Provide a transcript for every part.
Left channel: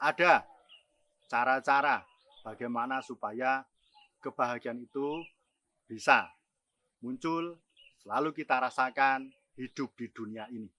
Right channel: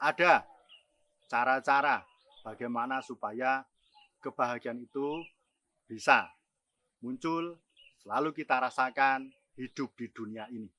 Ada cara-cara bagaimana supaya kebahagiaan itu bisa muncul, selalu kita rasakan hidup di dunia ini.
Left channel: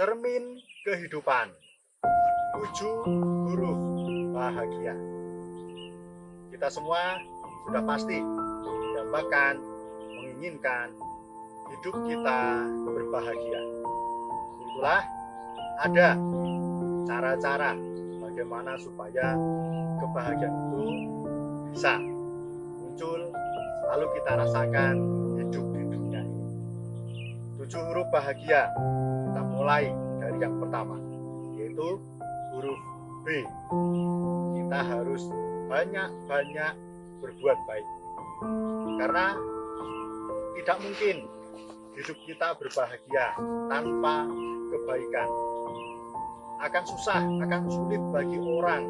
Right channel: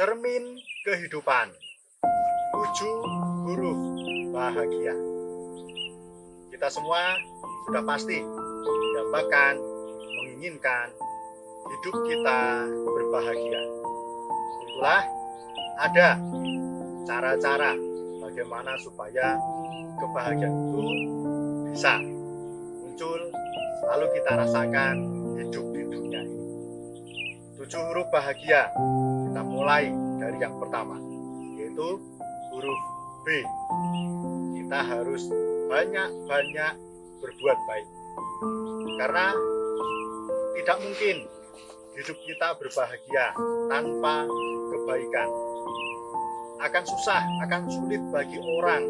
Cermin kehidupan, 7 huruf bahagia. Kita semua sudah pasti mendambakan, menginginkan hidup kita berbahagia. Itulah ada cara-cara bagaimana supaya kebahagiaan itu bisa muncul, selalu kita rasakan hidup di dunia ini. 7 huruf bahagia. Kita mulai dari yang pertama, yaitu huruf B. Kita harus banyak-banyak berbuat baik. Karena tidak mungkin hidup kita berbahagia tanpa kebaikan. Akan susah, akan sulit bagi orang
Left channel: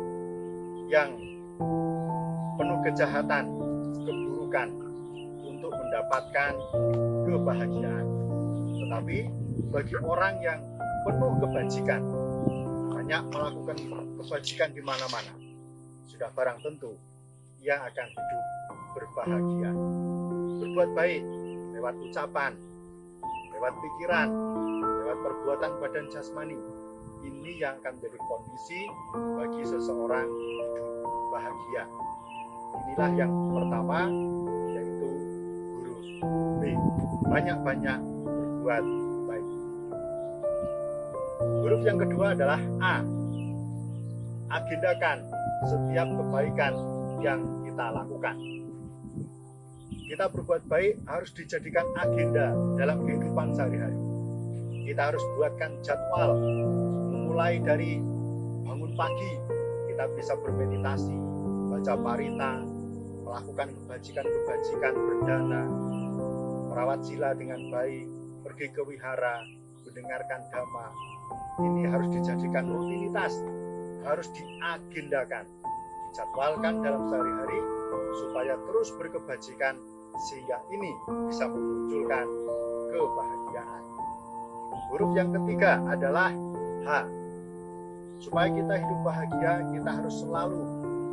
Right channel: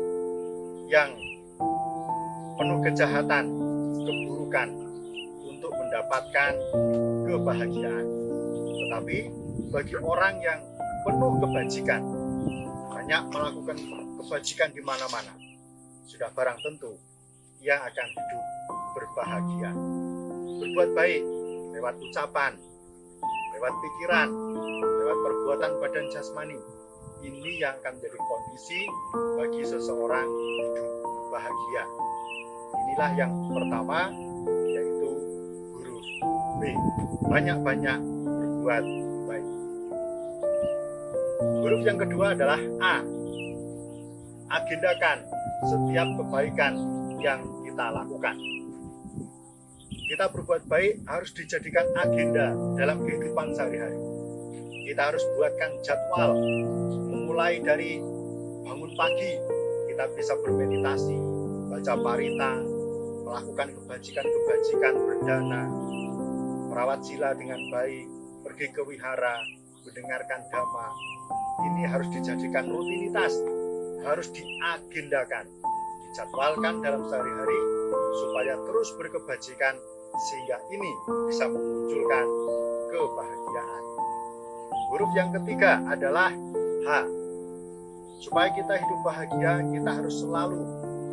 yang penuh kejahatan, keburukan untuk mendapatkan kebahagiaan. Tetapi bagi orang yang penuh kebajikan, banyak melakukan kebajikan di mana-mana, sudah barang tentu ia akan hidup berbahagia. Berbuat baik lewat ucapan, lewat pikiran, lewat perbuatan badan jasmani, ini yang akan menjadi kondisi bagi seseorang hidup bahagia. Inilah yang pertama, yaitu huruf B. Banyak-banyak berbuat baik. Huruf yang kedua adalah A. Agendakan setiap kebaikan yang kita lakukan. Kita berbuat baik harus dijadikan agenda dalam kehidupan sehari-hari. Kita harus buatkan jadwal, mulai dari bangun pagi, kita bisa bermeditasi, baca parita, melakukan kebajikan-kebajikan berdana, merawat sila dengan baik, pergi ke wihara, mendengarkan dhamma. Ini harus dijadikan rutinitas, harus diagendakan, dijadwalkan dalam sehari-hari supaya terus berkebajikan, sehingga ini bisa memunculkan kebahagiaan. Huruf yang ketiga adalah H. Supaya kita hidup bahagia, kita harus selalu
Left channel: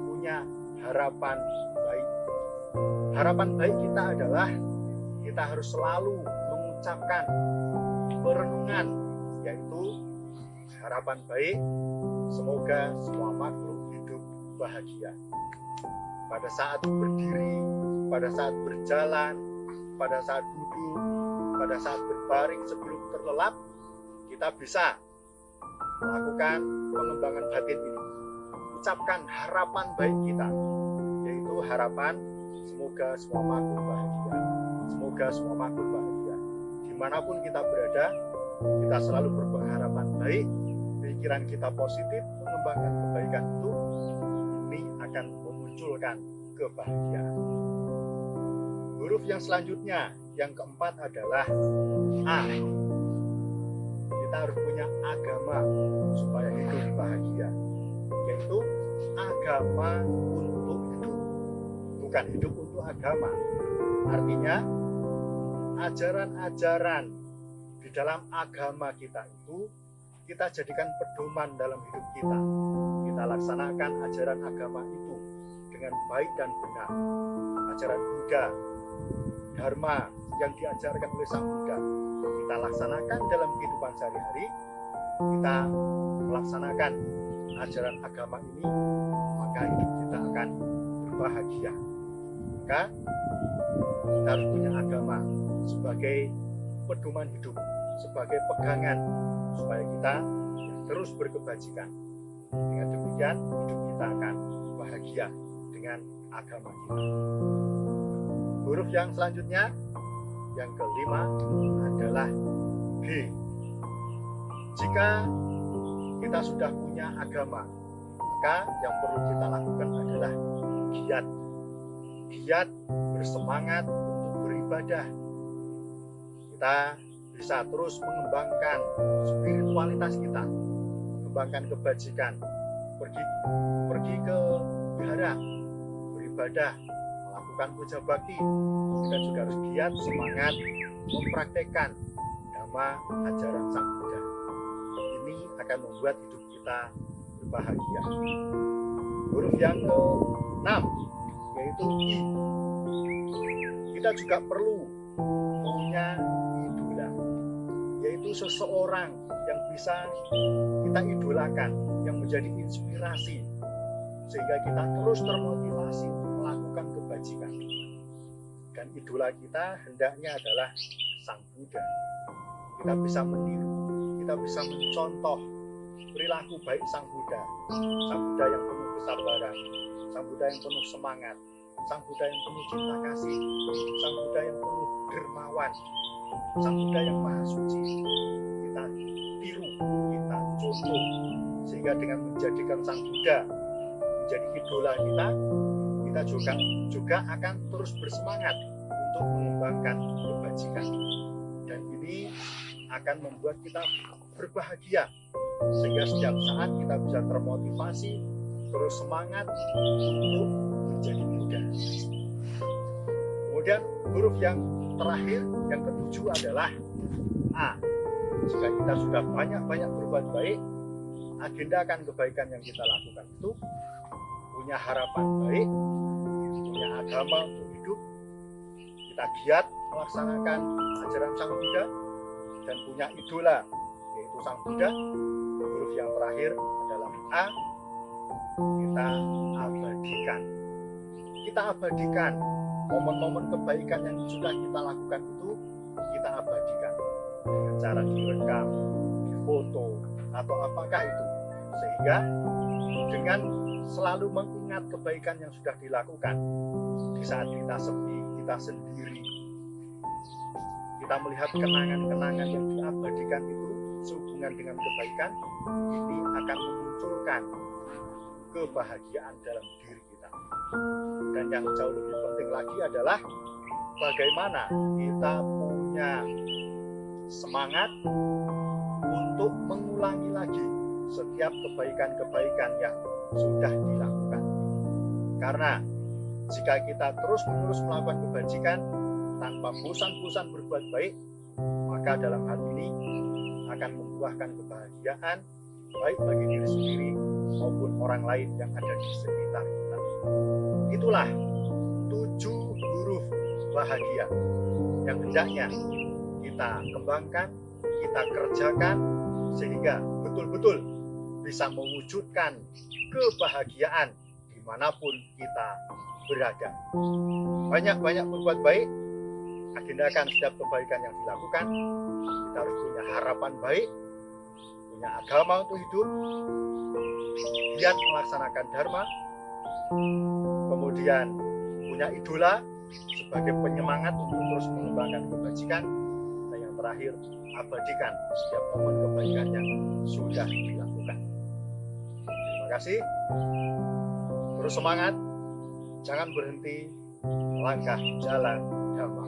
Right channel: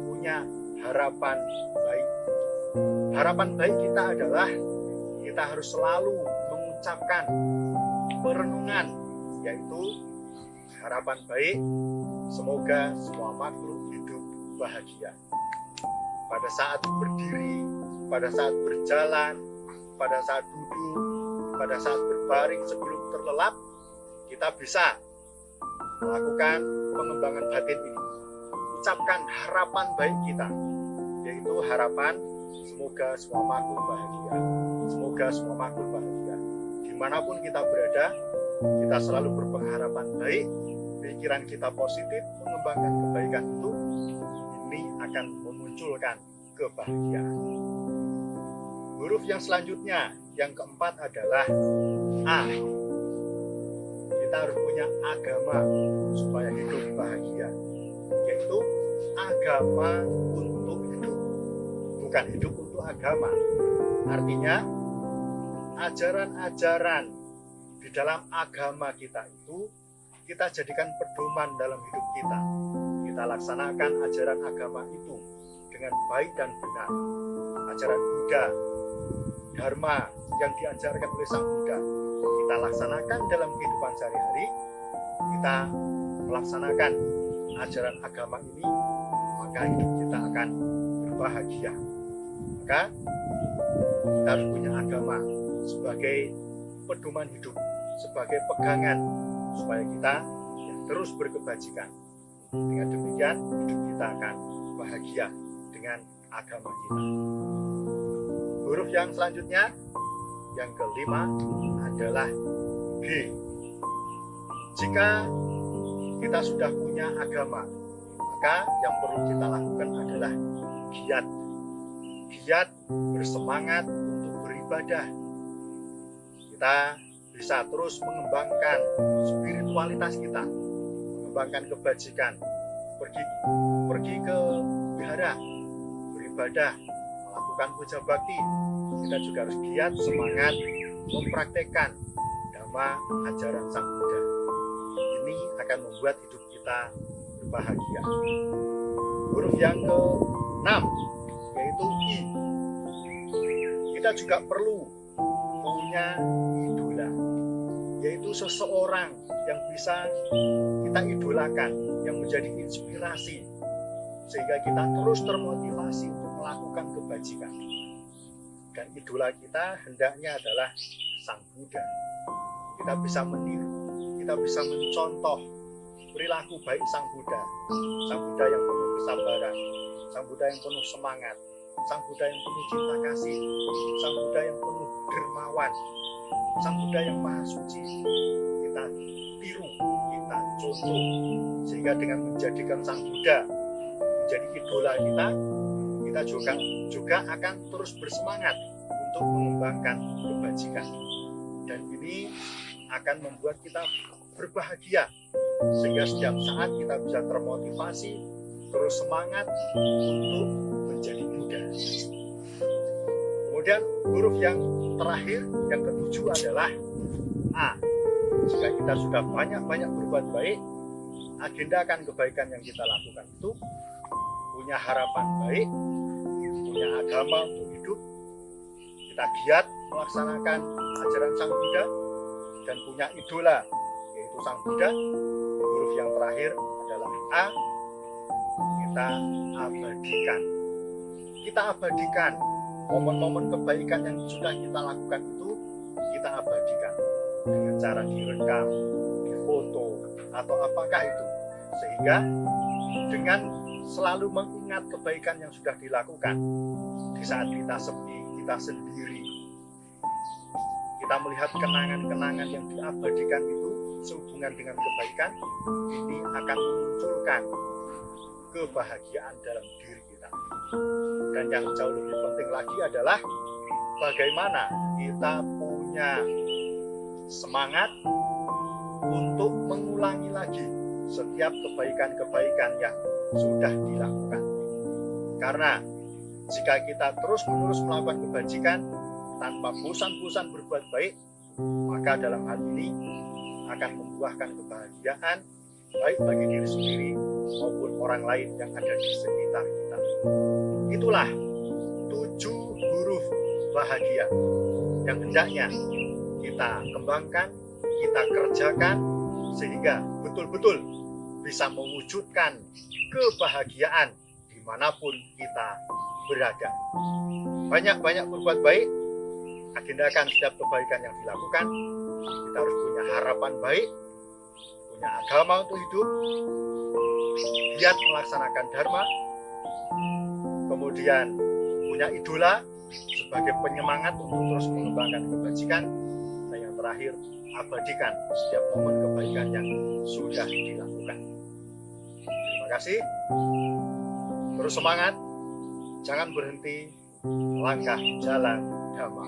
punya harapan baik. Harapan baik kita adalah kita harus selalu mengucapkan perenungan, yaitu harapan baik, semoga semua makhluk hidup bahagia. Pada saat berdiri, pada saat berjalan, pada saat duduk, pada saat berbaring sebelum terlelap, kita bisa melakukan pengembangan batin ini. Ucapkan harapan baik kita, yaitu harapan semoga semua makhluk bahagia. Semoga semua makhluk bahagia. Dimanapun kita berada, kita selalu berpengharapan baik, pikiran kita positif, mengembangkan kebaikan itu, ini akan memunculkan kebahagiaan. Huruf yang selanjutnya, yang keempat adalah A. Kita harus punya agama supaya hidup bahagia, yaitu agama untuk hidup, bukan hidup untuk agama. Artinya ajaran-ajaran di di dalam agama kita itu kita jadikan pedoman dalam hidup kita. Kita laksanakan ajaran agama itu dengan baik dan benar. Ajaran Buddha, Dharma yang diajarkan oleh Sang Buddha, kita laksanakan dalam kehidupan sehari-hari. Kita melaksanakan ajaran agama ini, maka hidup kita akan berbahagia. Maka kita harus punya agama sebagai pedoman hidup, sebagai pegangan supaya kita terus berkebajikan. Dengan demikian hidup kita akan bahagia dengan agama kita. Huruf yang selanjutnya, yang kelima adalah G. Jika kita sudah punya agama, maka yang perlu kita lakukan adalah giat. Giat bersemangat untuk beribadah. Kita bisa terus mengembangkan spiritualitas kita, mengembangkan kebajikan, pergi ke wihara, beribadah, melakukan puja bakti. Kita juga harus giat, semangat mempraktekkan dhamma ajaran Sang Buddha. Ini akan membuat hidup kita berbahagia. Huruf yang ke-6 yaitu I. Kita juga perlu punya idola, yaitu seseorang yang bisa kita idolakan, yang menjadi inspirasi, sehingga kita terus termotivasi untuk melakukan kebajikan. Dan idola kita hendaknya adalah Sang Buddha. Kita bisa meniru, kita bisa mencontoh perilaku baik Sang Buddha. Sang Buddha yang penuh kesabaran, Sang Buddha yang penuh semangat, Sang Buddha yang penuh cinta kasih, Sang Buddha yang penuh dermawan, Sang Buddha yang maha suci. Kita tiru, kita contoh, sehingga dengan menjadikan Sang Buddha menjadi idola kita juga akan terus bersemangat untuk mengembangkan kebajikan. Dan ini akan membuat kita berbahagia, sehingga setiap saat kita bisa termotivasi, terus semangat untuk menjadi Buddha. Kemudian huruf yang terakhir, yang ketujuh adalah A. Jika kita sudah banyak-banyak berbuat baik, agendakan kebaikan yang kita lakukan itu, punya harapan baik, punya agama untuk hidup, kita giat melaksanakan ajaran Sang Buddha, dan punya idola, yaitu Sang Buddha. Huruf yang terakhir adalah A. Kita abadikan. Kita abadikan momen-momen kebaikan yang sudah kita lakukan itu, kita abadikan dengan cara direkam, difoto, atau apakah itu, sehingga dengan selalu mengingat kebaikan yang sudah dilakukan di saat kita sepi, kita sendiri, kita melihat kenangan-kenangan yang diabadikan itu sehubungan dengan kebaikan, ini akan memunculkan kebahagiaan dalam diri kita. Dan yang jauh lebih penting lagi adalah bagaimana kita punya semangat untuk mengulangi lagi setiap kebaikan-kebaikan yang sudah dilakukan. Karena jika kita terus-menerus melakukan kebajikan tanpa bosan-bosan berbuat baik, maka dalam hal ini akan membuahkan kebahagiaan baik bagi diri sendiri maupun orang lain yang ada di sekitar kita. Itulah 7 huruf bahagia yang hendaknya kita kembangkan, kita kerjakan, sehingga betul-betul bisa mewujudkan kebahagiaan dimanapun kita berada. Banyak-banyak berbuat baik, agendakan setiap kebaikan yang dilakukan. Kita harus punya harapan baik, punya agama untuk hidup, giat melaksanakan dharma, kemudian punya idola sebagai penyemangat untuk terus mengembangkan kebajikan, dan yang terakhir, abadikan setiap momen kebaikan yang sudah dilakukan. Terima kasih. Terus semangat, jangan berhenti melangkah jalan dhamma.